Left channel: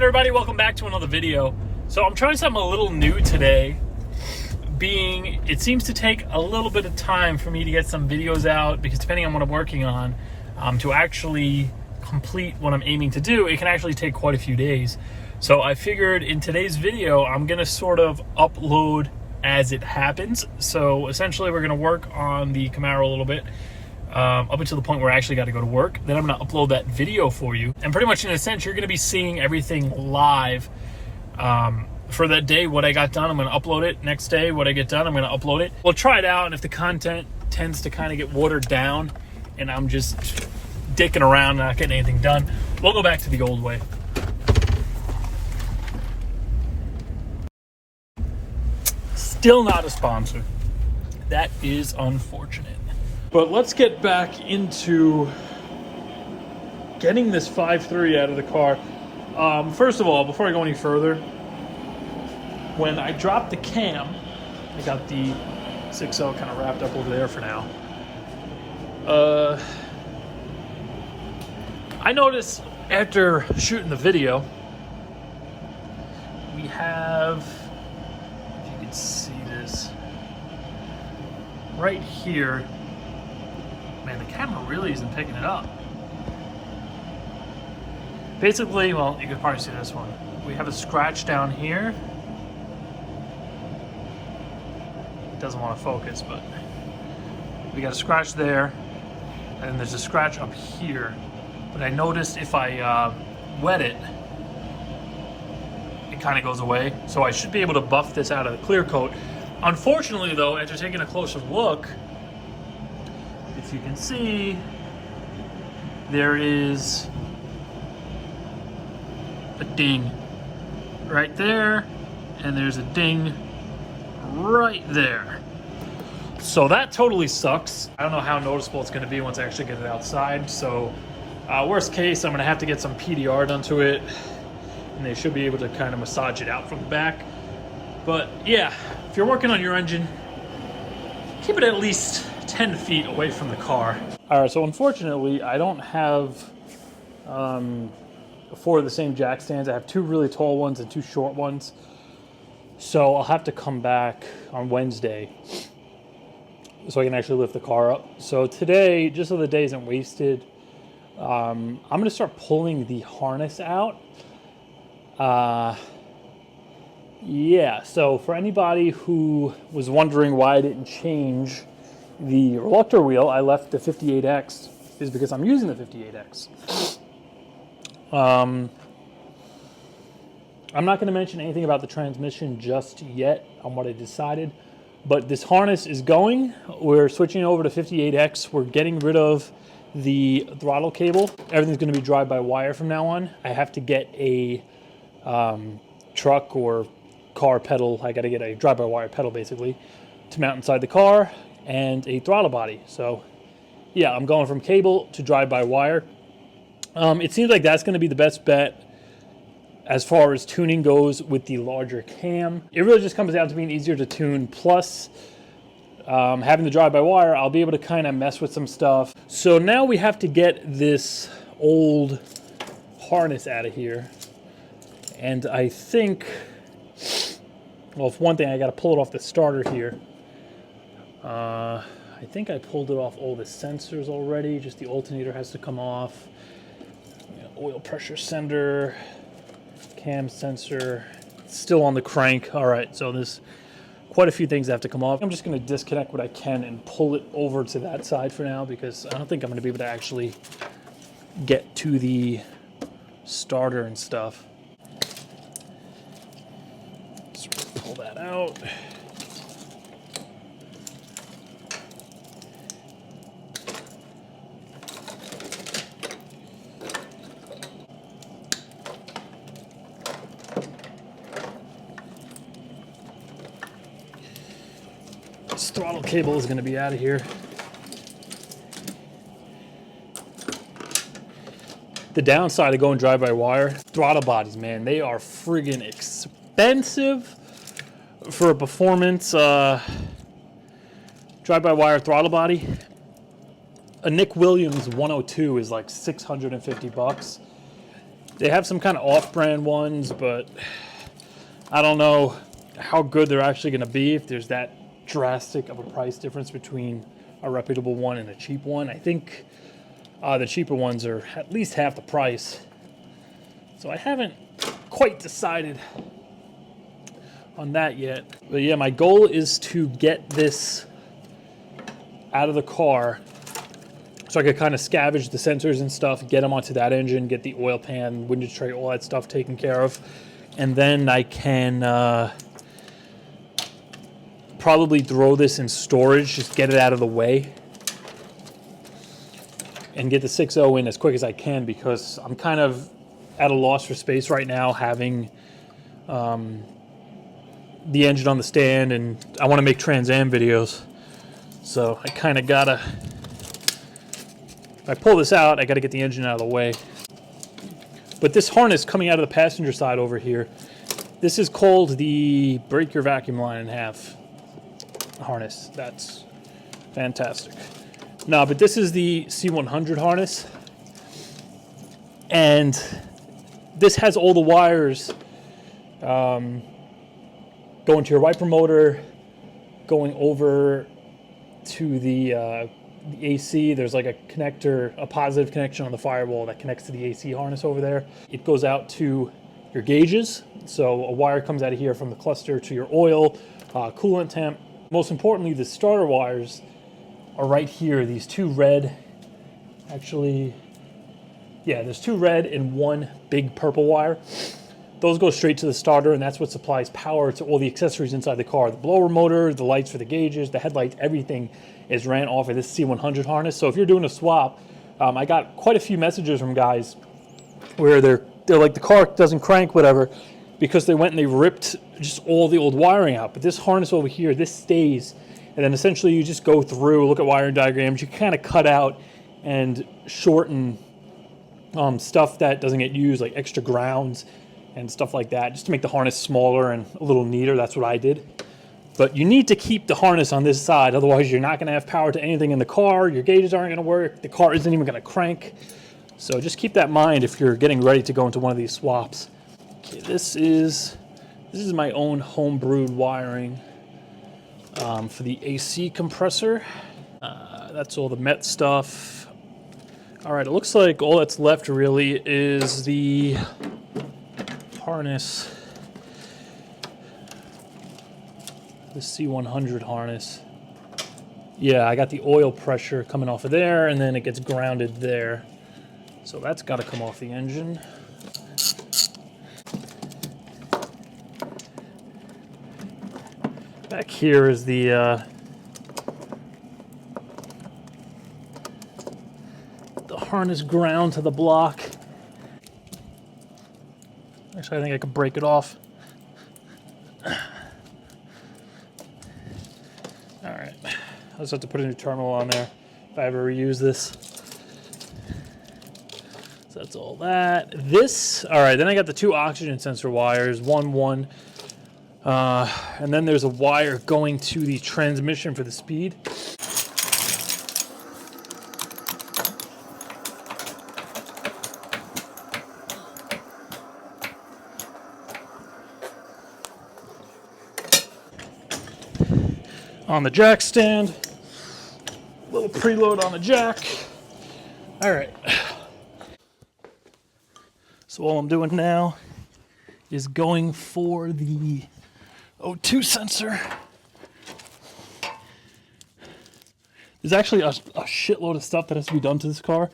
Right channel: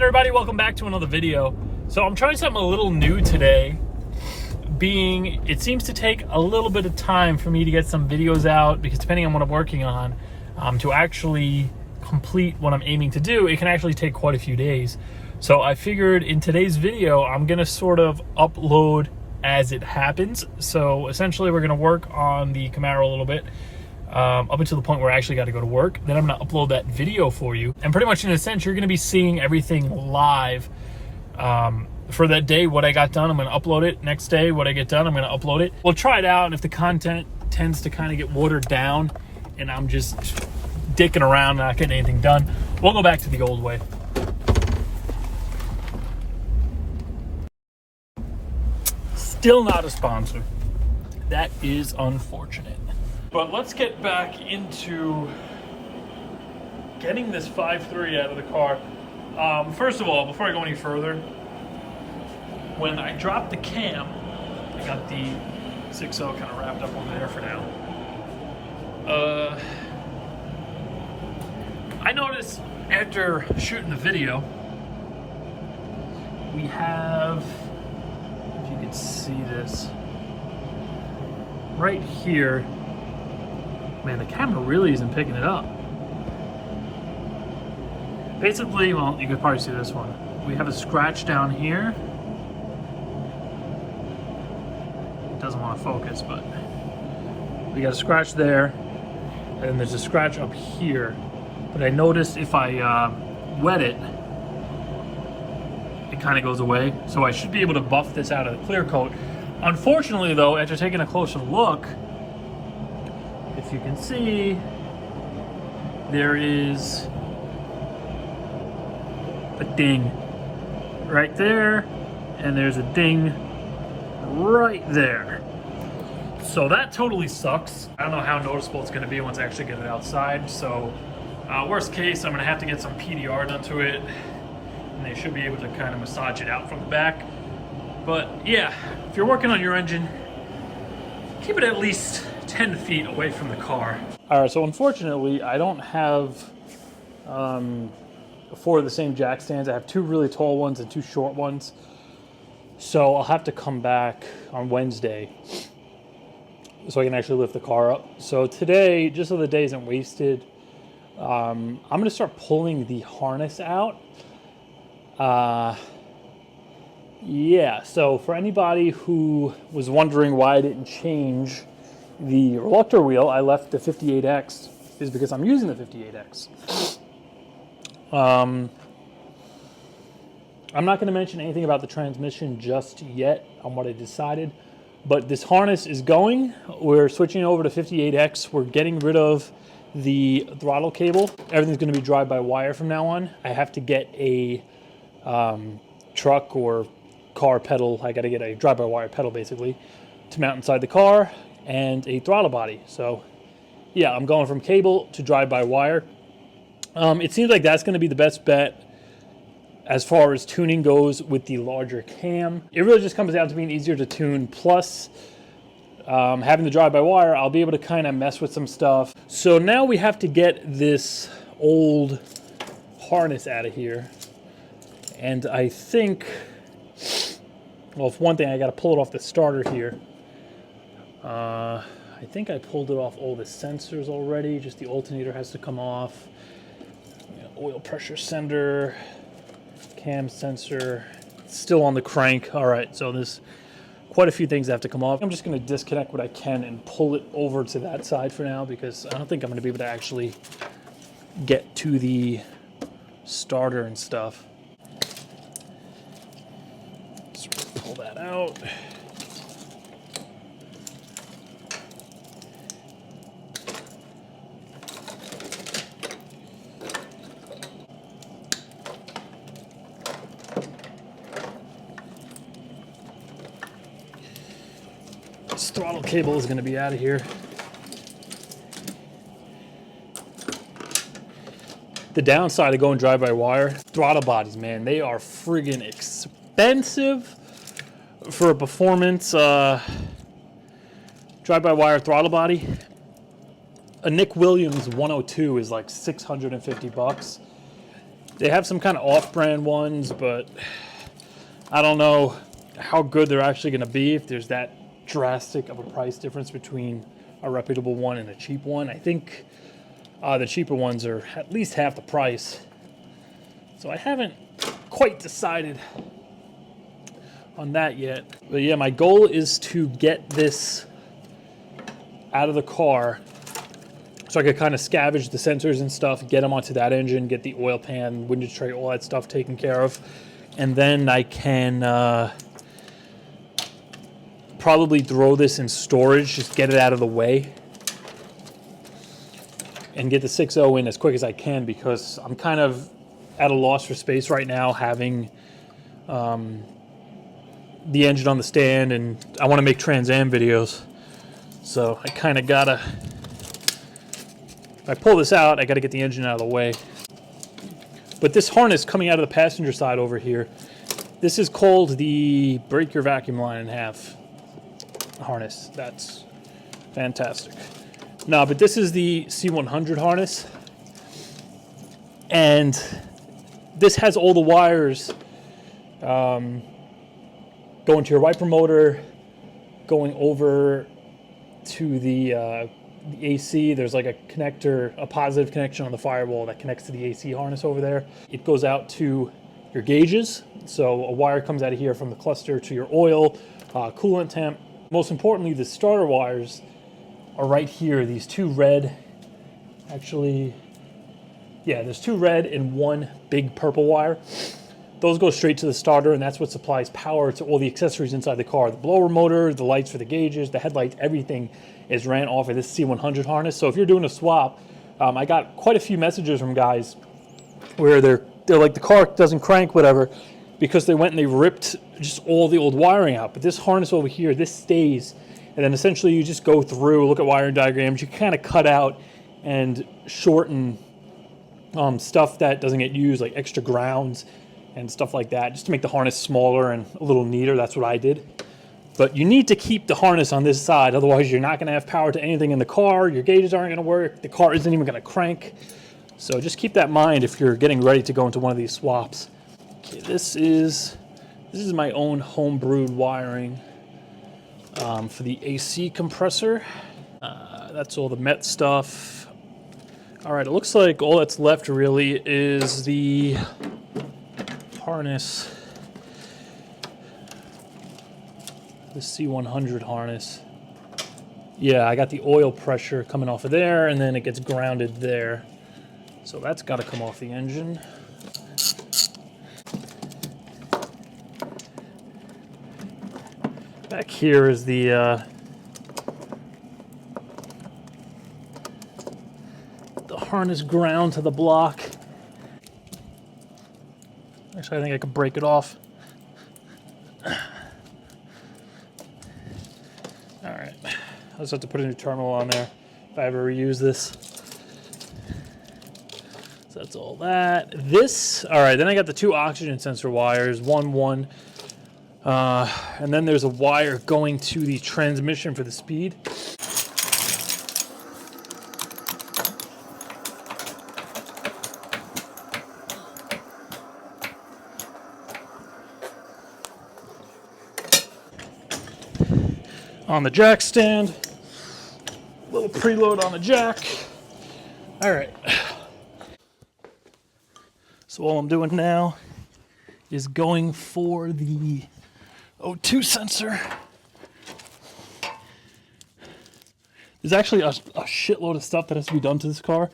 on, everybody? Welcome back to another video. So I'm trying something a little new today, being it seems to take a little bit of time for me to get some videos out, because depending on what I'm working on, to actually complete what I'm aiming to do, it can actually take quite a few days. So I figured in today's video, I'm gonna sort of upload as it happens. So essentially we're gonna work on the Camaro a little bit, up until the point where I actually got to go to work. Then I'm going to upload that video for you. And pretty much in a sense, you're going to be seeing everything live for that day. What I got done, I'm going to upload it. Next day, what I get done, I'm going to upload it. We'll try it out. And if the content tends to kind of get watered down and I'm just dicking around, not getting anything done, we'll go back to the old way. Still not a sponsor. That is unfortunate. But let's get back into getting this 5.3 out of the car. First of all, before I go any further, when I dropped the cam, I got the 6.0 kind of wrapped up over there for now. I noticed after shooting the video, we have, if you can see this, right here. Man, the camera really isn't picking it up. Basically, well, you can probably see this one. We have a scratch down here. It doesn't want to focus, but we got a scratch there, and there's a scratch up here. But I noticed if I wet it, it kind of goes away. So I should be able to buff this out of the clear coat. Unfortunately, though, after taking a closer look, if you can see, there is a ding right there, and there's a ding right there. So that totally sucks. I don't know how noticeable it's going to be once I actually get it outside. So worst case, I'm going to have to get some PDR done to it, and they should be able to kind of massage it out from the back. But yeah, if you're working on your engine, keep it at least 10 feet away from the car. All right, so unfortunately, I don't have 4 of the same jack stands. I have 2 really tall ones and 2 short ones. So I'll have to come back on Wednesday so I can actually lift the car up. So today, just so the day isn't wasted, I'm gonna start pulling the harness out. Yeah, so for anybody who was wondering why I didn't change the reluctor wheel, I left the 58X, is because I'm using the 58X. I'm not going to mention anything about the transmission just yet on what I decided, but this harness is going. We're switching over to 58X. We're getting rid of the throttle cable. Everything's going to be drive-by-wire from now on. I have to get a truck or car pedal. I got to get a drive-by-wire pedal, basically, to mount inside the car, and a throttle body. So yeah, I'm going from cable to drive-by-wire. It seems like that's going to be the best bet as far as tuning goes with the larger cam. It really just comes down to being easier to tune, plus having the drive-by-wire, I'll be able to kind of mess with some stuff. So now we have to get this old harness out of here, and I think, well, for one thing, I got to pull it off the starter here. I think I pulled it off all the sensors already. Just the alternator has to come off. Oil pressure sender, cam sensor, still on the crank. All right, so there's quite a few things that have to come off. I'm just going to disconnect what I can and pull it over to that side for now, because I don't think I'm going to be able to actually get to the starter and stuff. So pull that out. This throttle cable is going to be out of here. The downside of going drive-by-wire, throttle bodies, man, they are friggin' expensive for a performance drive-by-wire throttle body. A Nick Williams 102 is like $650. They have some kind of off-brand ones, but I don't know how good they're actually going to be if there's that drastic of a price difference between a reputable one and a cheap one. I think the cheaper ones are at least half the price. So I haven't quite decided on that yet. But yeah, my goal is to get this out of the car so I could kind of scavenge the sensors and stuff, get them onto that engine, get the oil pan, windage tray, all that stuff taken care of. And then I can probably throw this in storage, just get it out of the way, and get the 6.0 in as quick as I can, because I'm kind of at a loss for space right now, having the engine on the stand, and I want to make Trans Am videos. So I kind of gotta, if I pull this out, I gotta get the engine out of the way. But this harness coming out of the passenger side over here, this is called the break your vacuum line in half harness. That's fantastic. No, but this is the C100 harness, and this has all the wires going to your wiper motor, going over to the AC. There's like a connector, a positive connection on the firewall that connects to the AC harness over there. It goes out to your gauges. So a wire comes out of here from the cluster to your oil, coolant temp. Most importantly, the starter wires are right here. These two red, actually, yeah, there's two red and one big purple wire. Those go straight to the starter, and that's what supplies power to all the accessories inside the car. The blower motor, the lights for the gauges, the headlights, everything is ran off of this C100 harness. So if you're doing a swap, I got quite a few messages from guys where they're like, the car doesn't crank, whatever, because they went and they ripped just all the old wiring out. But this harness over here, this stays, and then essentially you just go through, look at wiring diagrams, you kind of cut out and shorten stuff that doesn't get used, like extra grounds and stuff like that, just to make the harness smaller and a little neater. That's what I did. But you need to keep the harness on this side, otherwise you're not going to have power to anything in the car, your gauges aren't going to work, the car isn't even going to crank. So just keep that in mind if you're getting ready to go into one of these swaps. Okay, this is my own home-brewed wiring for the AC compressor. That's all the Met stuff. All right, it looks like all that's left really is the harness, the C100 harness. Yeah, I got the oil pressure coming off of there, and then it gets grounded there. So that's got to come off the engine. Back here is the harness ground to the block. Actually, I think I could break it off. All right, I just have to put a new terminal on there if I ever reuse this. So that's all that. This, all right, then I got the two oxygen sensor wires, one, and then there's a wire going to the transmission for the speed. On the jack stand, little preload on the jack. All right. So all I'm doing now is going for the O2 sensor. There's actually a shitload of stuff that has to be done to this car.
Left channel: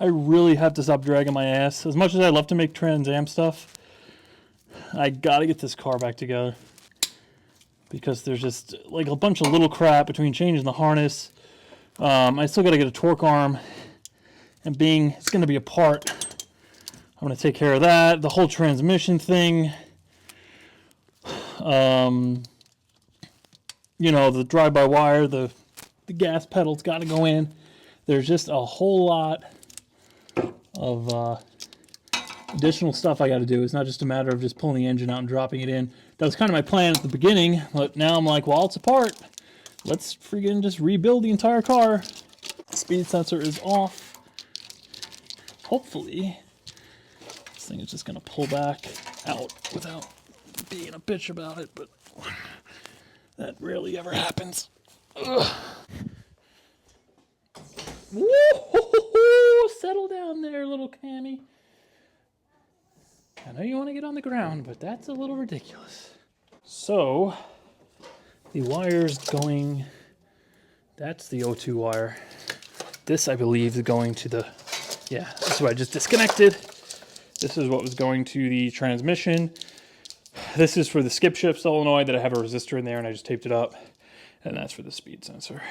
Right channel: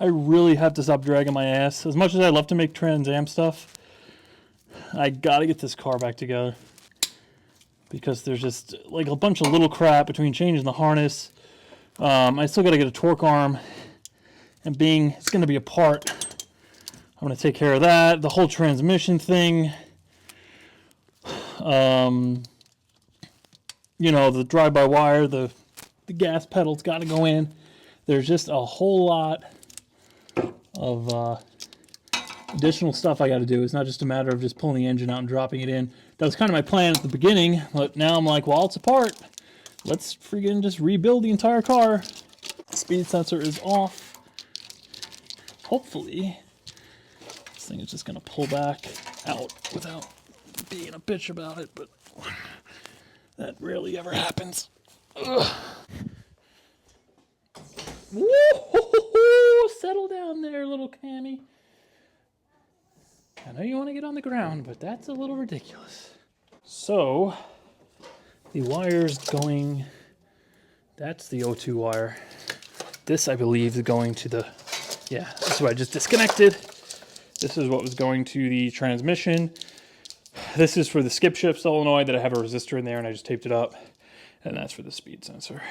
I really have to stop dragging my ass. As much as I love to make Trans Am stuff, I gotta get this car back together, because there's just like a bunch of little crap between changing the harness. I still got to get a torque arm, and being it's going to be a part, I'm going to take care of that. The whole transmission thing, you know, the drive-by-wire, the gas pedal's got to go in. There's just a whole lot of additional stuff I got to do. It's not just a matter of just pulling the engine out and dropping it in. That was kind of my plan at the beginning, but now I'm like, well, it's apart. Let's freaking just rebuild the entire car. Speed sensor is off. Hopefully, thing is just gonna pull back out without being a bitch about it, but that rarely ever happens. Ugh. Woo! Settle down there, little Cammy. I know you want to get on the ground, but that's a little ridiculous. So, the wire's going, that's the O2 wire. This, I believe, is going to the, yeah, this is what I just disconnected. This is what was going to the transmission. This is for the skip shift solenoid that I have a resistor in there and I just taped it up. And that's for the speed sensor.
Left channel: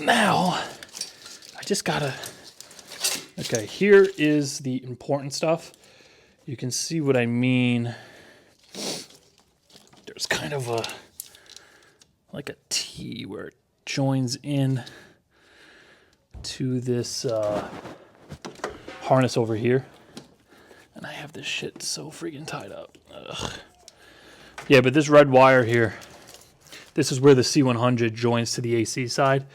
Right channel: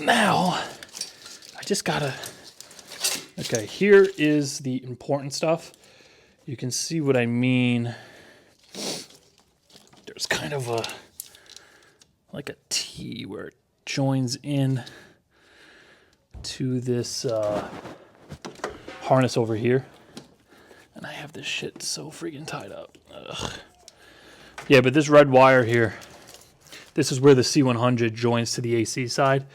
Now, I just gotta, okay, here is the important stuff. You can see what I mean. There's kind of a, like a T where it joins in to this harness over here. And I have this shit so freaking tied up. Ugh. Yeah, but this red wire here, this is where the C100 joins to the AC side.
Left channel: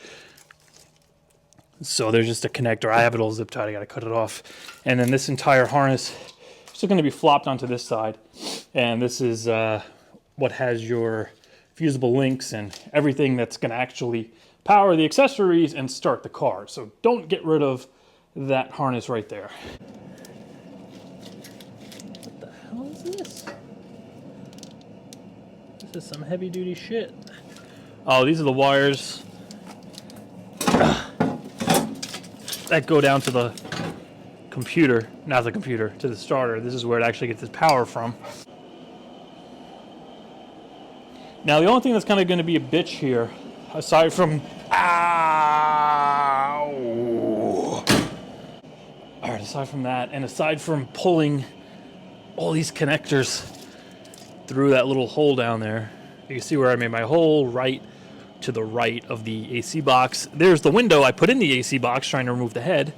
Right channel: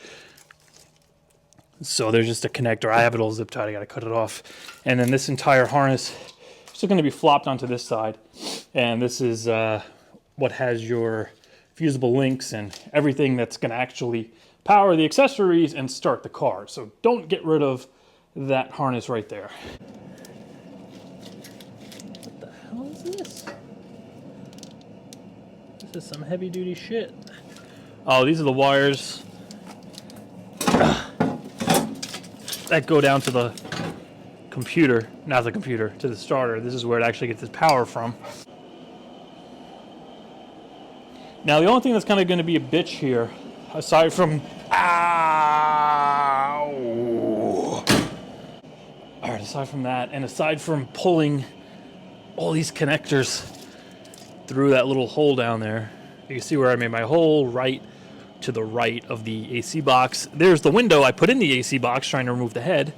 So there's just a connector. I have it all zip tied. I got to cut it off. And then this entire harness is still going to be flopped onto this side. And this is what has your fusible links and everything that's going to actually power the accessories and start the car. So don't get rid of that harness right there. What the hell is this? This is some heavy duty shit. Oh, these are the wires that go down to the computer, not the computer, to the starter. This is where it actually gets its power from. Now, the only thing that's kind of going to be a bitch here, aside from, ow! All right, aside from that, and aside from pulling all these connectors through that little hole down there, you can see where I made my hole right to the right of the AC box. There's the window I put in the AC box trying to remove the head.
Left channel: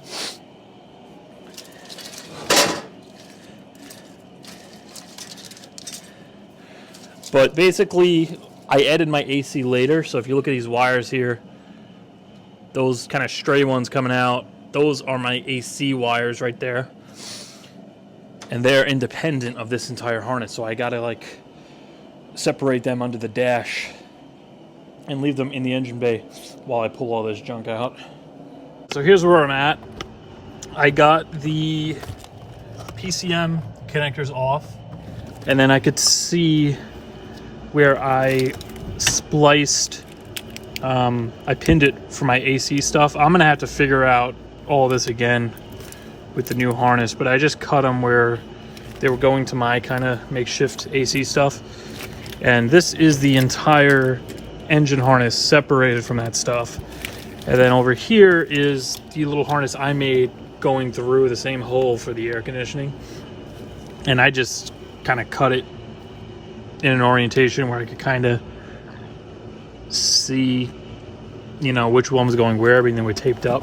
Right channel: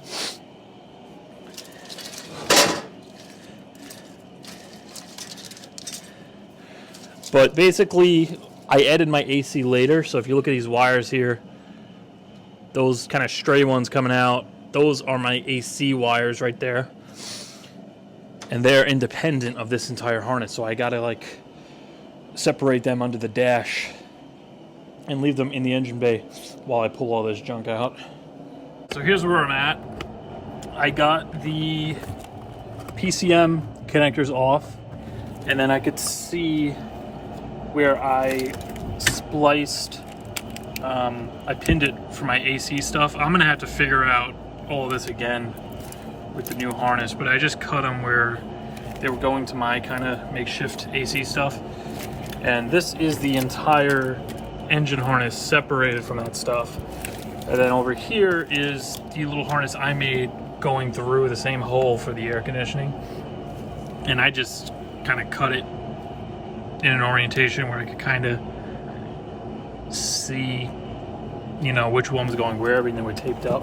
But basically, I added my AC later, so if you look at these wires here, those kind of stray ones coming out, those are my AC wires right there. And they're independent of this entire harness, so I gotta like separate them under the dash and leave them in the engine bay while I pull all this junk out. So here's where I'm at. I got the PCM connectors off, and then I could see where I spliced, I pinned it for my AC stuff. I'm gonna have to figure out all this again with the new harness, but I just cut them where they were going to my kind of makeshift AC stuff. And this is the entire engine harness separated from that stuff. And then over here is the little harness I made going through the same hole for the air conditioning. And I just kind of cut it in an orientation where I could kind of see, you know, which one was going where. Everything was taped up.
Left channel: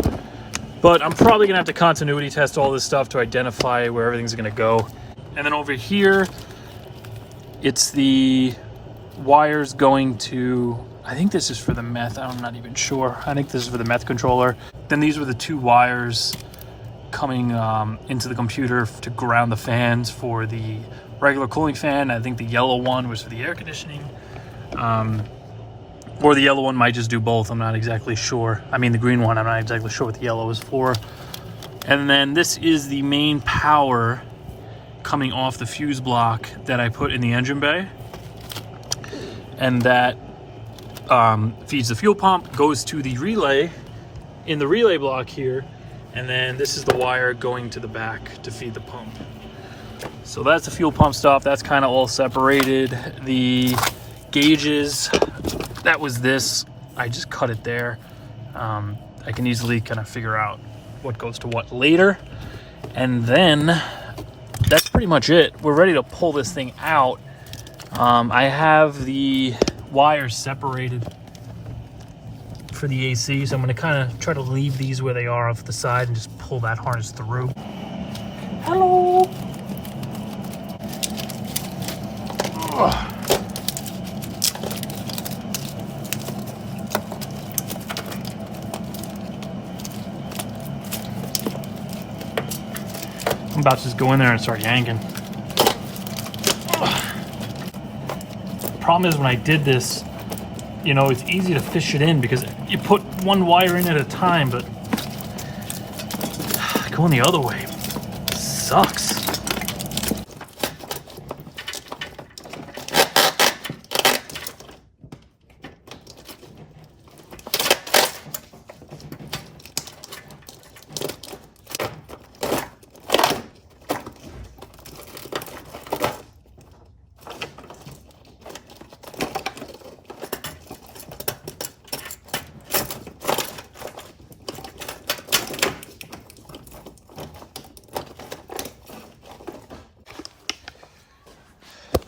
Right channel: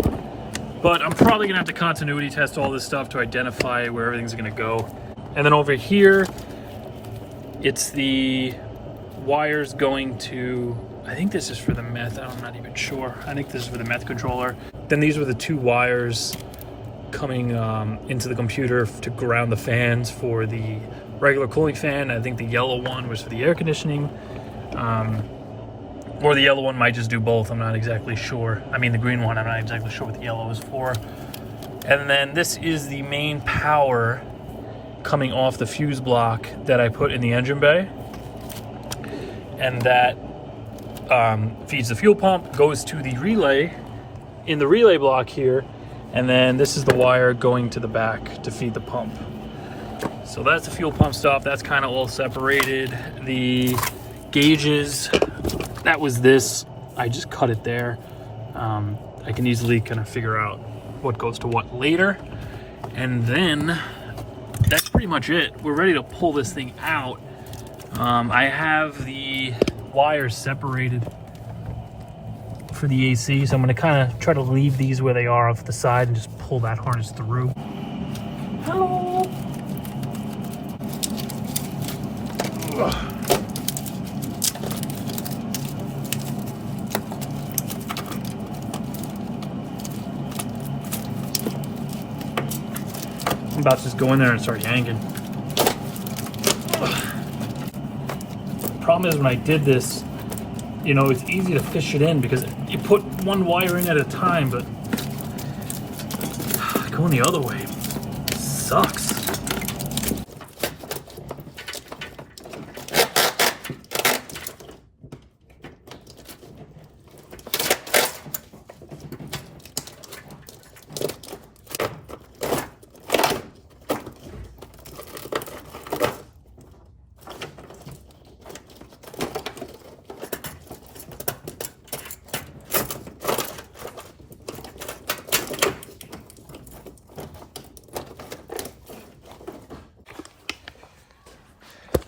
But I'm probably gonna have to continuity test all this stuff to identify where everything's gonna go. And then over here, it's the wires going to, I think this is for the meth, I'm not even sure. I think this is for the meth controller. Then these were the two wires coming into the computer to ground the fans for the regular cooling fan. I think the yellow one was for the air conditioning. Or the yellow one might just do both, I'm not exactly sure. I mean the green one, I'm not exactly sure what the yellow is for. And then this is the main power coming off the fuse block that I put in the engine bay. And that feeds the fuel pump, goes to the relay in the relay block here. And then this is the wire going to the back to feed the pump. So that's the fuel pump stuff. That's kind of all separated. The gauges, that was this. I just cut it there. I can easily kind of figure out what goes to what later. And then that's pretty much it. We're ready to pull this thing out. I have the wires separated for the AC, so I'm going to kind of try to leave these where they are off the side and just pull that harness through. Hello. I'm about to just go in there and start yanking. The problem is when I did this, you know, it's easy to fish it in because you put one wire in at a time, but going the other way sucks.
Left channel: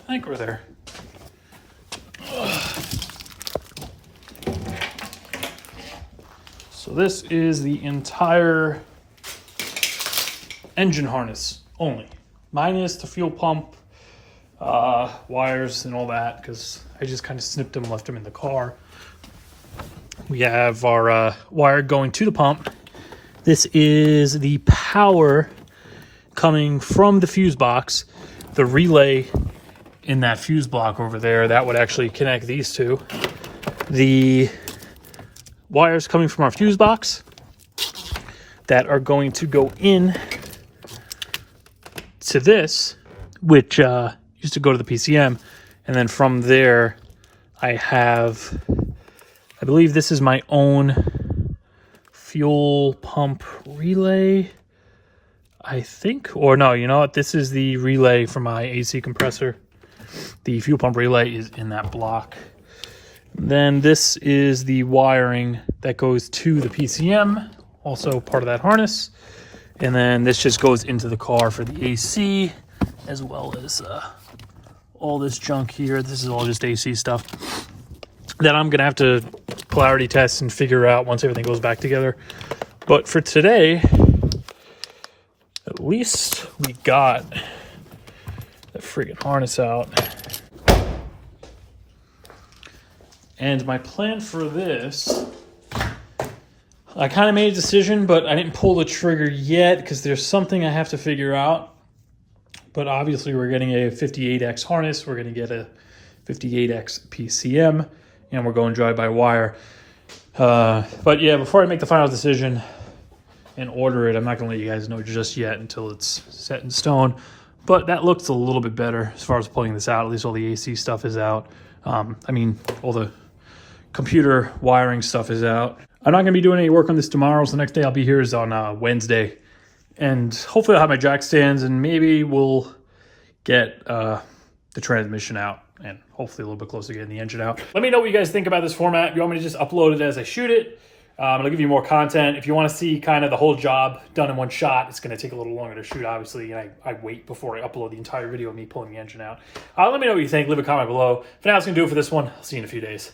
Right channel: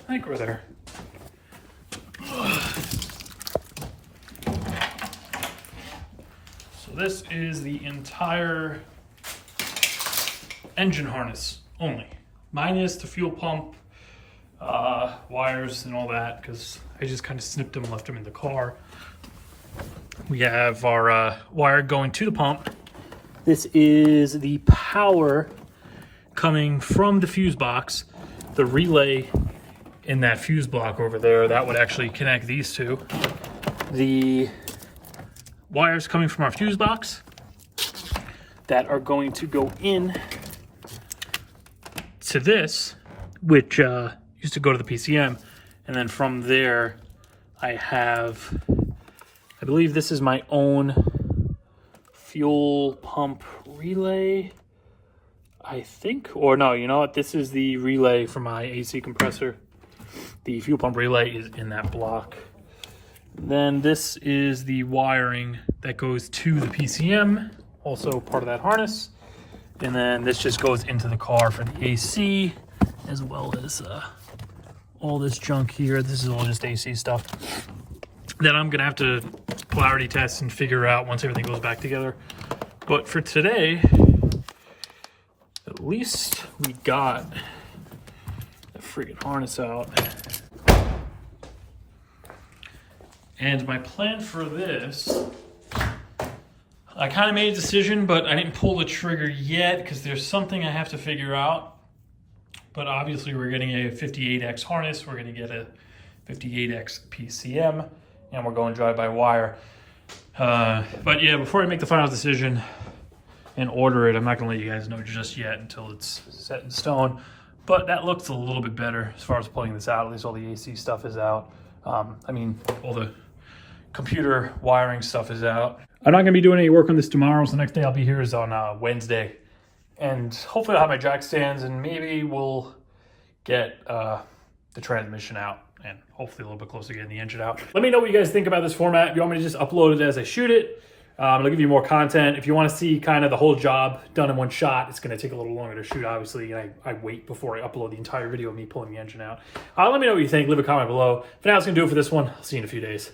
I think we're there. So this is the entire engine harness only, minus the fuel pump, wires and all that, because I just kind of snipped them and left them in the car. We have our wire going to the pump. This is the power coming from the fuse box, the relay in that fuse block over there, that would actually connect these two. The wires coming from our fuse box that are going to go in to this, which used to go to the PCM. And then from there, I have, I believe this is my own fuel pump relay, I think. Or no, you know what? This is the relay for my AC compressor. The fuel pump relay is in that block. Then this is the wiring that goes to the PCM, also part of that harness. And then this just goes into the car for the AC, as well as all this junk here. This is all just AC stuff that I'm gonna have to polarity test and figure out once everything goes back together. But for today, at least we got the freaking harness out. And my plan for this, I kind of made a decision, but I didn't pull the trigger yet because there's something I have to figure out. But obviously we're getting a 58X harness, we're going to get a 58X PCM, and we're going drive-by-wire. But yeah, before I make the final decision and order it, I'm not going to let you guys know just yet until it's set in stone. But that looks a little bit better as far as pulling this out. At least all the AC stuff is out. I mean, all the computer wiring stuff is out. I'm not going to be doing any work on this tomorrow, so the next day I'll be here is on Wednesday. And hopefully I'll have my jack stands, and maybe we'll get the transmission out, and hopefully a little bit closer to getting the engine out. Let me know what you guys think about this format. If you want me to just upload it as I shoot it, it'll give you more content. If you want to see kind of the whole job done in one shot, it's going to take a little longer to shoot, obviously. And I wait before I upload the entire video of me pulling the engine out. Let me know what you think. Leave a comment below. For now, that's going to do it for this one. I'll see you in a few days.